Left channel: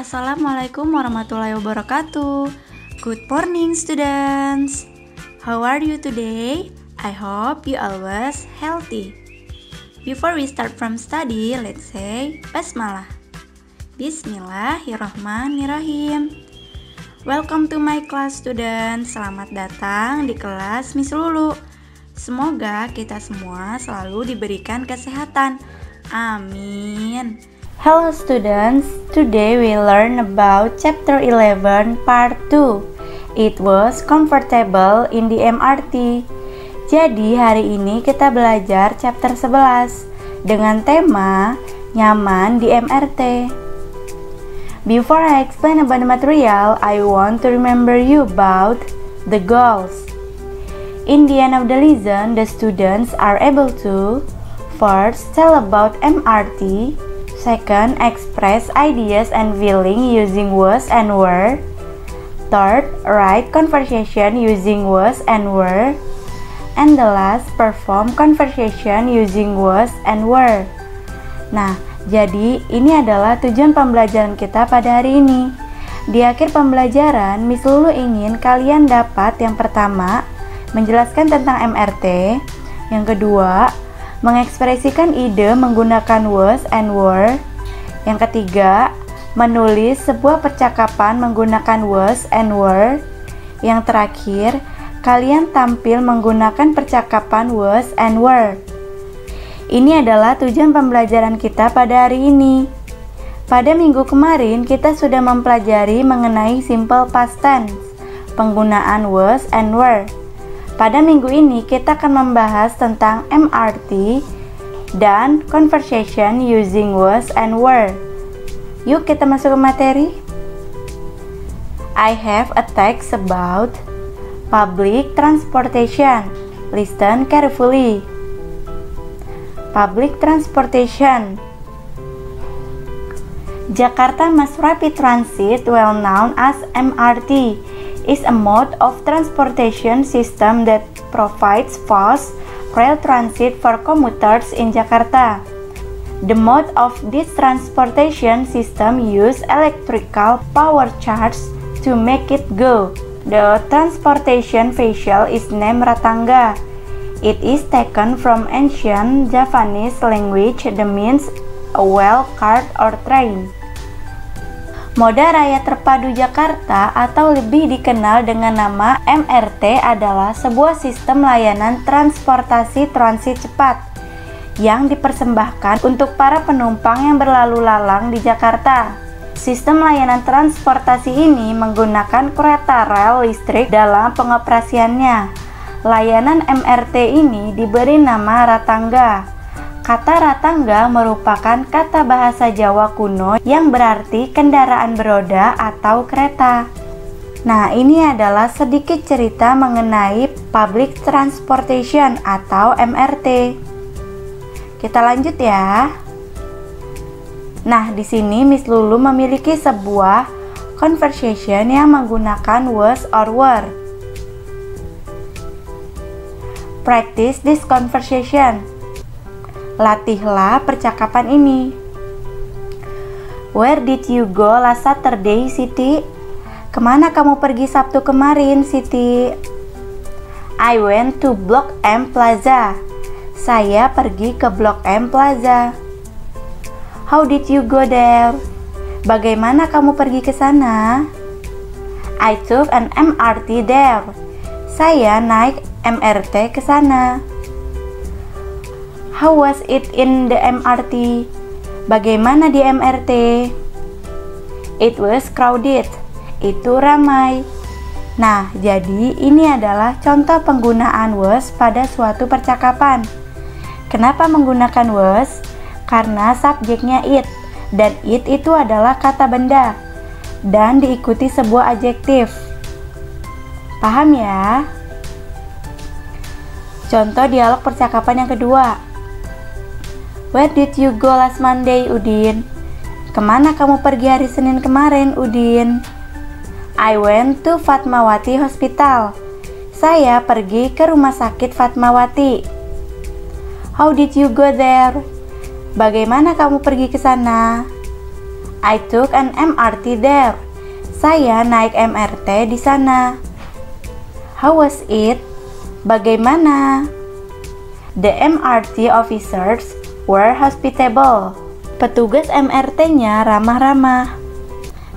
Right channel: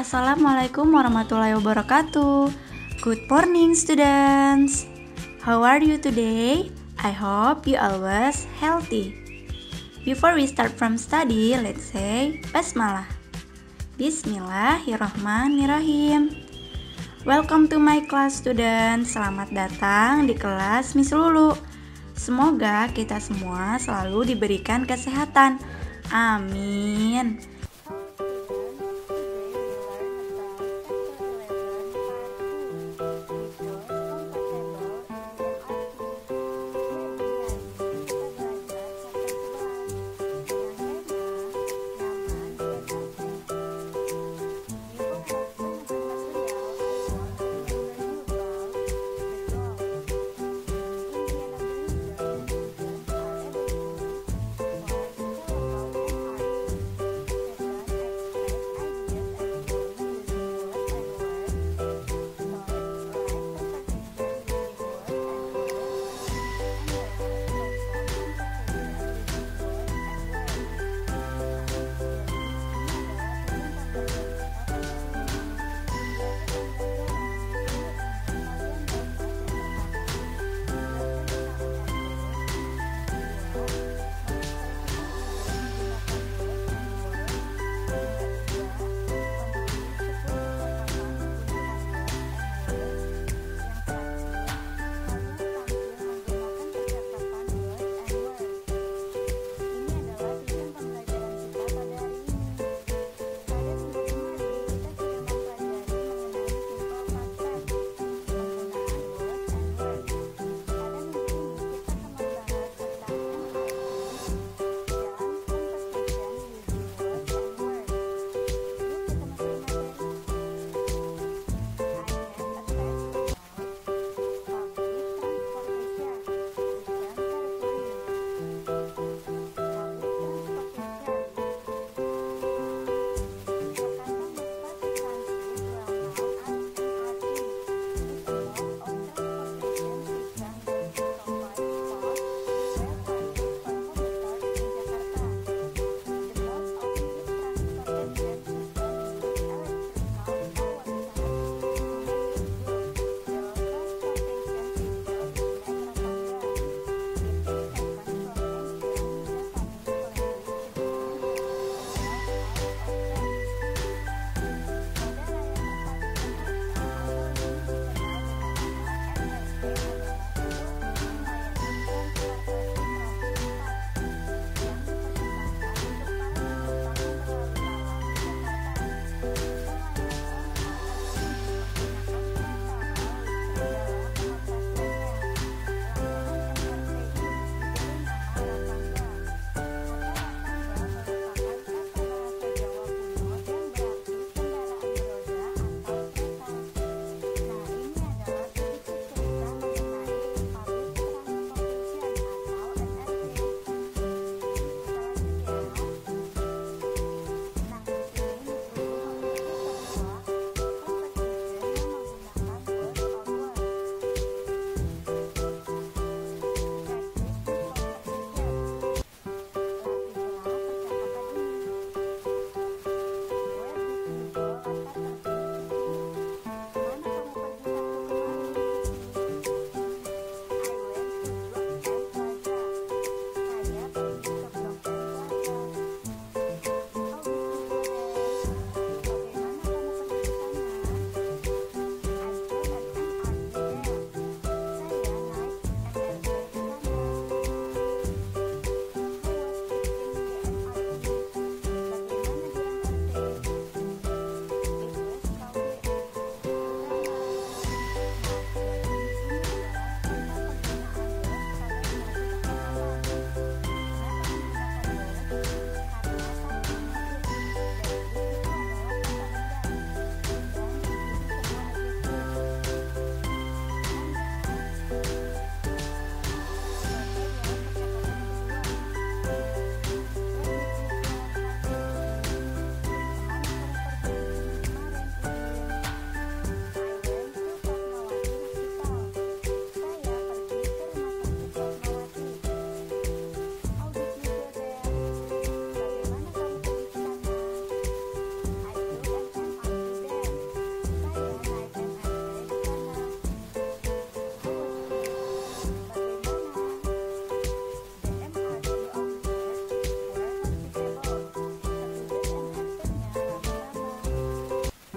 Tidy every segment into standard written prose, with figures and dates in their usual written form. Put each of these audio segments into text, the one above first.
Assalamualaikum warahmatullahi wabarakatuh. Good morning students. How are you today? I hope you always healthy. Before we start from study, let's say Basmalah. Bismillahirrahmanirrahim. Welcome to my class students. Selamat datang di kelas Miss Lulu. Semoga kita semua selalu diberikan kesehatan. Amin. Hello students, today we learn about chapter 11 part 2. It was comfortable in the MRT. Jadi hari ini kita belajar chapter 11 dengan tema nyaman di MRT. Before I explain about the material, I want to remember you about the goals. In the end of the lesson, the students are able to first tell about MRT. Second, express ideas and feeling using was and were. Third, write conversation using was and were. And the last, perform conversation using was and were. Nah, jadi ini adalah tujuan pembelajaran kita pada hari ini. Di akhir pembelajaran, Miss Lulu ingin kalian dapat yang pertama, menjelaskan tentang MRT. Yang kedua, mengekspresikan ide menggunakan was and were. Yang ketiga, menulis sebuah percakapan menggunakan was and were. Yang terakhir, kalian tampil menggunakan percakapan was and were. Ini adalah tujuan pembelajaran kita pada hari ini. Pada minggu kemarin, kita sudah mempelajari mengenai simple past tense, penggunaan was and were. Pada minggu ini kita akan membahas tentang MRT dan conversation using was and were. Yuk kita masuk ke materi. I have a text about public transportation. Listen carefully. Public transportation. Jakarta Mass Rapid Transit, well known as MRT, is a mode of transportation system that provides fast rail transit for commuters in Jakarta. The mode of this transportation system uses electrical power charge to make it go. The transportation vehicle is named Ratangga. It is taken from ancient Javanese language that means a well cart or train. Moda Raya Terpadu Jakarta atau lebih dikenal dengan nama MRT adalah sebuah sistem layanan transportasi transit cepat yang dipersembahkan untuk para penumpang yang berlalu lalang di Jakarta. Sistem layanan transportasi ini menggunakan kereta rel listrik dalam pengoperasiannya. Layanan MRT ini diberi nama Ratangga. Kata Ratangga merupakan kata bahasa Jawa kuno yang berarti kendaraan beroda atau kereta. Nah, ini adalah sedikit cerita mengenai public transportation atau MRT. Kita lanjut ya. Nah, di sini Miss Lulu memiliki sebuah conversation yang menggunakan was or were. Practice this conversation. Latihlah percakapan ini. Where did you go last Saturday, Siti? Kemana kamu pergi Sabtu kemarin, Siti? I went to Blok M Plaza. Saya pergi ke Blok M Plaza. How did you go there? Bagaimana kamu pergi ke sana? I took an MRT there. Saya naik MRT ke sana. How was it in the MRT? Bagaimana di MRT? It was crowded. Itu ramai. Nah, jadi ini adalah contoh penggunaan was pada suatu percakapan. Kenapa menggunakan was? Karena subjeknya it, dan it itu adalah kata benda, dan diikuti sebuah adjektif. Paham ya? Contoh dialog percakapan yang kedua. Where did you go last Monday, Udin? Kemana kamu pergi hari Senin kemarin, Udin? I went to Fatmawati Hospital. Saya pergi ke rumah sakit Fatmawati. How did you go there? Bagaimana kamu pergi ke sana? I took an MRT there. Saya naik MRT di sana. How was it? Bagaimana? The MRT officers were hospitable. Petugas MRT-nya ramah-ramah.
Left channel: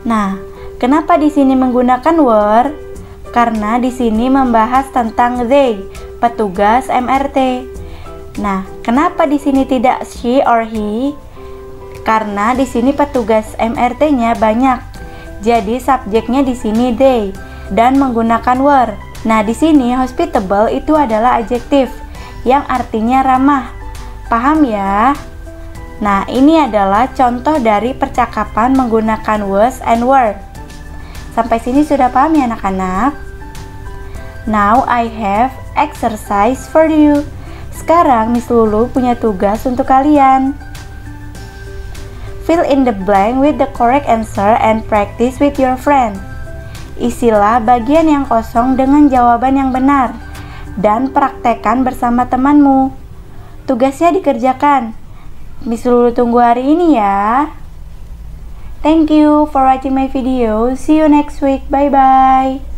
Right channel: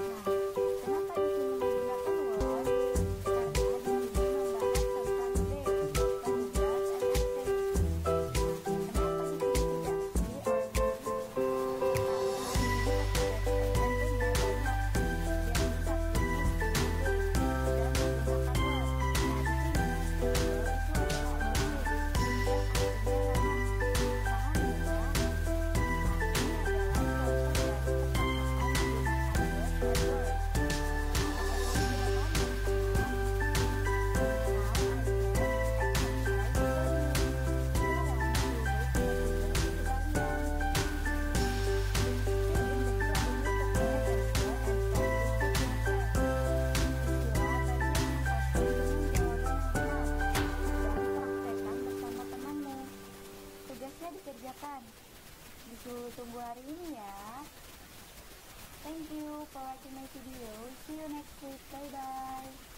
Nah, kenapa di sini menggunakan were? Karena di sini membahas tentang they, petugas MRT. Nah, kenapa di sini tidak she or he? Karena di sini petugas MRT-nya banyak. Jadi subjeknya di sini they dan menggunakan were. Nah, di sini hospitable itu adalah adjektif yang artinya ramah. Paham ya? Nah, ini adalah contoh dari percakapan menggunakan was and were. Sampai sini sudah paham ya anak-anak? Now I have exercise for you. Sekarang Miss Lulu punya tugas untuk kalian. Fill in the blank with the correct answer and practice with your friend. Isilah bagian yang kosong dengan jawaban yang benar dan praktekkan bersama temanmu. Tugasnya dikerjakan. Miss Lulu tunggu hari ini ya. Thank you for watching my video. See you next week. Bye bye.